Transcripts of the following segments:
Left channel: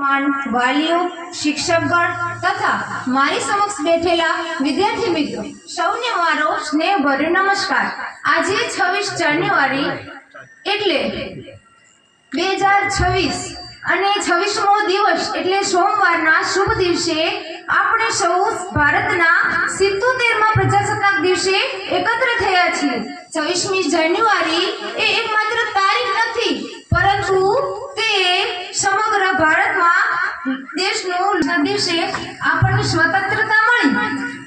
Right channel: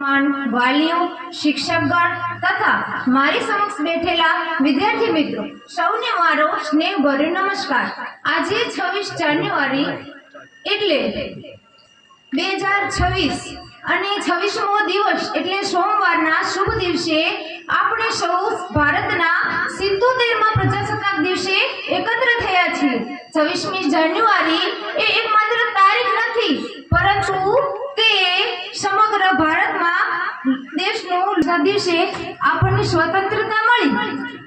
વાલીઓ, શિક્ષકગણ તથા મારી સમક્ષ બેઠેલા વિદ્યાર્થી મિત્રો સૌને મારો સ્નેહભર્યો નમસ્કાર। આજે 26 જાન્યુઆરી એટલે 2026 અને 26મો દિવસ એટલે સોમવારના શુભ દિવસે આપણે સૌ ભારતના 77મા પ્રજાસત્તાક દિવસે એકત્ર થયા છીએ। 26મી જાન્યુઆરી એ એકમાત્ર તારીખ નથી, પરંતુ તે સમગ્ર ભારતમાં દેશનો દિવસે આપણને સ્વતંત્રતા મળી,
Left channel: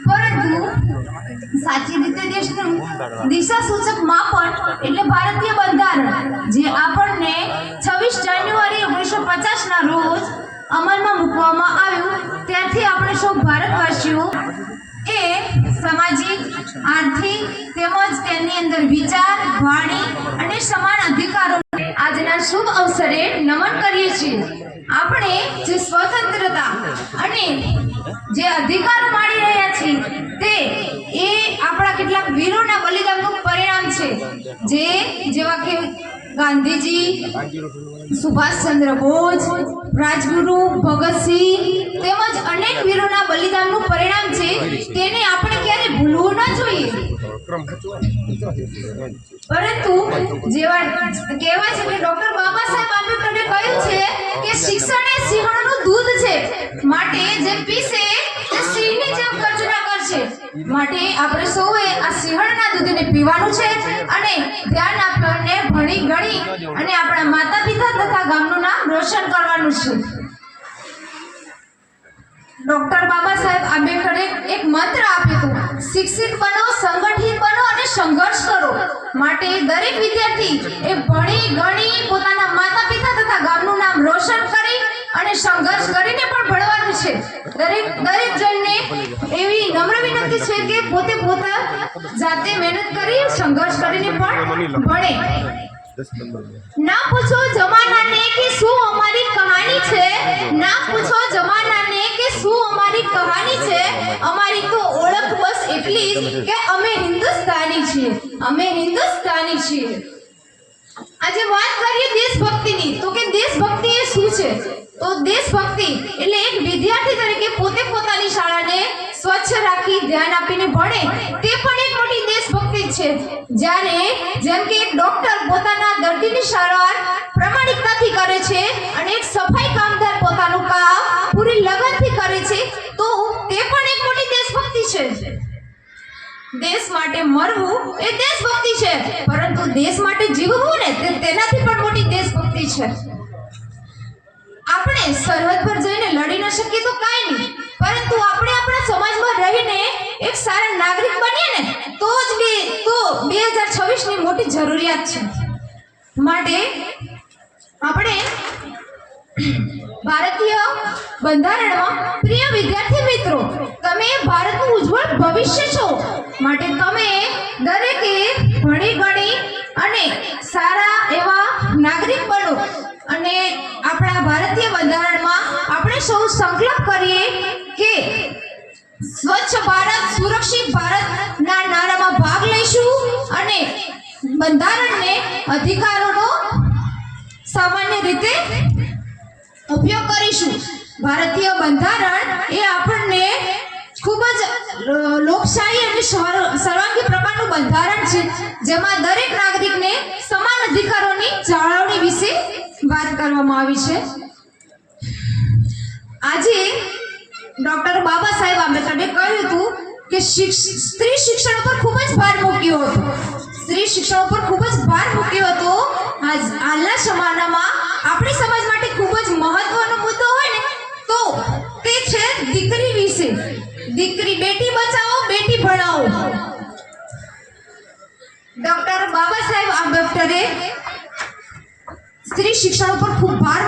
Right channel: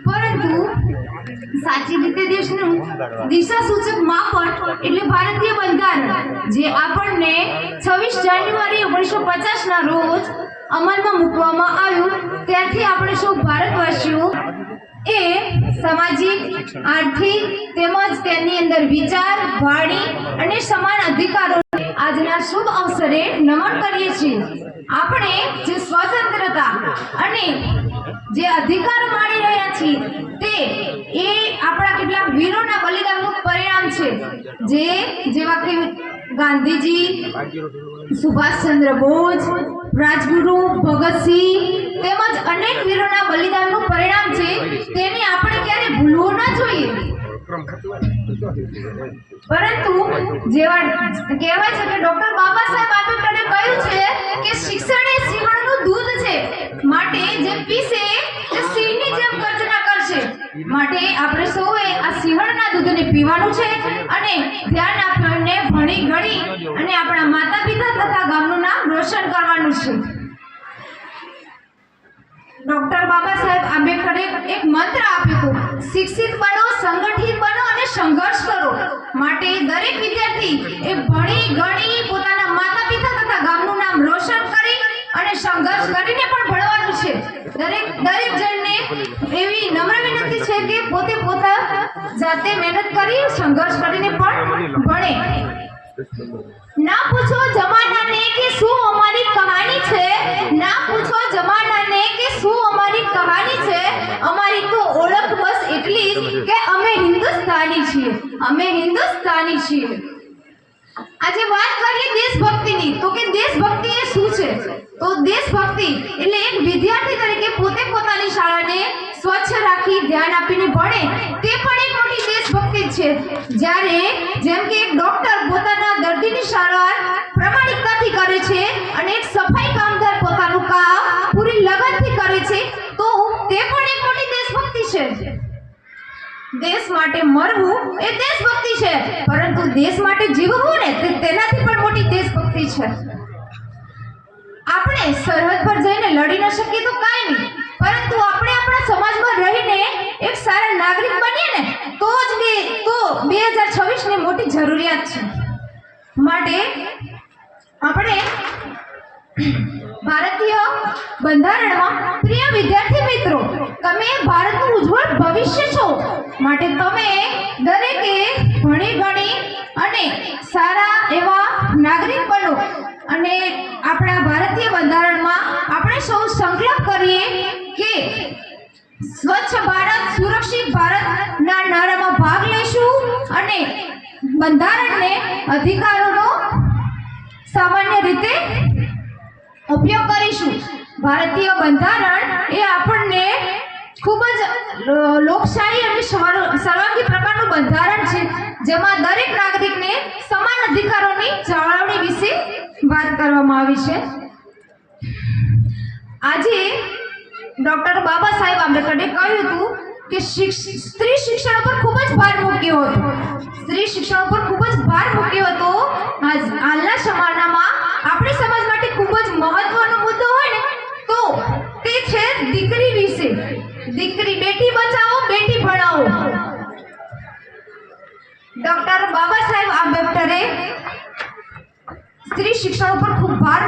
પરંતુ સાચી રીતે દેશનું દિશાસૂચક માપન એટલે ભારતીય બંધારણ, જે આપણને 26 જાન્યુઆરી 1950 ના રોજ અમલમાં મૂકવામાં આવ્યું। ત્યારથી આપણે સૌ ભારતવાસીઓ એ સામાજિક, આર્થિક તેમજ તેની અંદર વિચાર, વાણી અને સમાન અધિકારોને આજના શુભ અવસરે નમન કરીએ છીએ। આપણે જે સ્વતંત્રતા અને જે અધિકાર માણી રહ્યા છીએ તે એ આપણા કેટલાક વીરોના બલિદાનનું પરિણામ છે, જેવા કે ગાંધીજી, સુભાષચંદ્ર બોઝ, રાજગુરુ ભગતસિંહ તેમજ અનેક વીરોના બલિદાનનું પરિણામ છે। તેને આપણે ક્યારે ભૂલવું ન જોઈએ, પરંતુ જેવા કહેવાય છે કે ડોક્ટર બાબા સાહેબ આંબેડકરે કહ્યું છે કે શિક્ષણ એ સિંહણનું દૂધ છે, માટે જે પીશે તે સિંહની જેમ ગર્જના કરશે। માટે આપણે સૌએ આ સિંહણના દૂધને પીવાનું છે અને ધ્યાન આપીને ભણી ગણી અને આપણા માતા પિતા તથા ગામનું નામ રોશન કરવાનું છે। ડોક્ટર બાબા સાહેબ આંબેડકરે એક મંત્ર આપ્યો હતો, શિક્ષિત બનો, સંગઠિત બનો અને સંઘર્ષ કરો। માટે દરેક વિદ્યાર્થી એ ભણી ગણી પોતાના માતા પિતા તથા ગામનું નામ રોશન કરી અને સંઘર્ષ કરીને પણ ભણવાનું છે। દરેક જણને એવી નમ્ર વિનંતી છે કે પોતે જાતે મહેનત કરી સંઘર્ષ કરીને પણ ભણે। ના પૂછો જમાનાને કે શું અમારી કહાની છે, ના પૂછો જમાનાને કે શું અમારી કહાની છે, અમારી તો ઓળખ બસ એટલી જ કે અમે હિન્દુસ્તાની છીએ, અમે હિન્દુસ્તાની છીએ। આજે વાત કરીએ દેશભક્તિની, તો કે દેશભક્તિ એ શું છે? તો દેશભક્તિ એટલે એક વિદ્યાર્થી તરીકે પોતે પોતાની શાળાને સ્વચ્છ રાખી ધ્યાન આપીને ભણે, તે પણ એક મોટી દેશભક્તિ છે। જ્યારે જેમ કે એક ડોક્ટર પોતાના દર્દીની સારવાર પ્રામાણિકતાથી કરે છે અને એક સફાઈ કામદાર પોતાનું કામ પૂરી લગનથી કરે છે, તો તે પણ એક મોટી દેશભક્તિ છે। દેશ માટે મરવું એ દેશભક્તિ છે, પરંતુ દેશ માટે જીવવું ને તેનાથી પણ મોટી દેશભક્તિ છે। આપણે સરહદ પર જઈને લડી ન શકીએ તો કાંઈ નહીં, પરંતુ આપણે આપણા સમાજમાં રહીને એક સારા નાગરિક બનીએ ને તો 2026 ની મોટી જરૂરિયાત છે। માટે આપણે ભારતીય બંધારણમાં પ્રિય વિદ્યાર્થી મિત્રો, તમે ભારતનું ઉજ્જવળ ભવિષ્ય છો, માટે તમે દરેકે ભણી ગણી અને સારા એવા નાગરિક બનો અને આપણા ભારતીય બંધારણમાં આપણે સૌ સંકલ્પ કરીએ કે સ્વચ્છ ભારત, સુરક્ષિત ભારતના નારામાં ભાગ લઈશું અને બંધારણને અધિકારોનો સામાન્ય રીતે ઉપયોગ કરીશું। ભારતીય બંધારણ એ આપણને ખૂબ જ લોકશાહી અને સર્વાંગી પ્રકારનું બંધારણ છે, જેમાં દરેક નાગરિકને સમાન અધિકારોની જાળવણી વિશે વાત કરવામાં આવી છે। આજે ડોક્ટર બાબા સાહેબ આંબેડકરે કહ્યું હતું કે સ્ત્રી શિક્ષણ પર ખૂબ જ ભાર મૂક્યો હતો, સ્ત્રી શિક્ષણ પર ખૂબ જ ભાર મૂક્યો હતો। હાલના જમાનામાં આપણી સમાજ માટે ખૂબ જ મહત્વનો મુદ્દો હોય ને તો તે છે દીકરી વિશે। દીકરી, બેટી બચાવો, બેટી ભણાવો। ડોક્ટર બાબા સાહેબ આંબેડકરે સ્ત્રી શિક્ષણ પર ખૂબ ભાર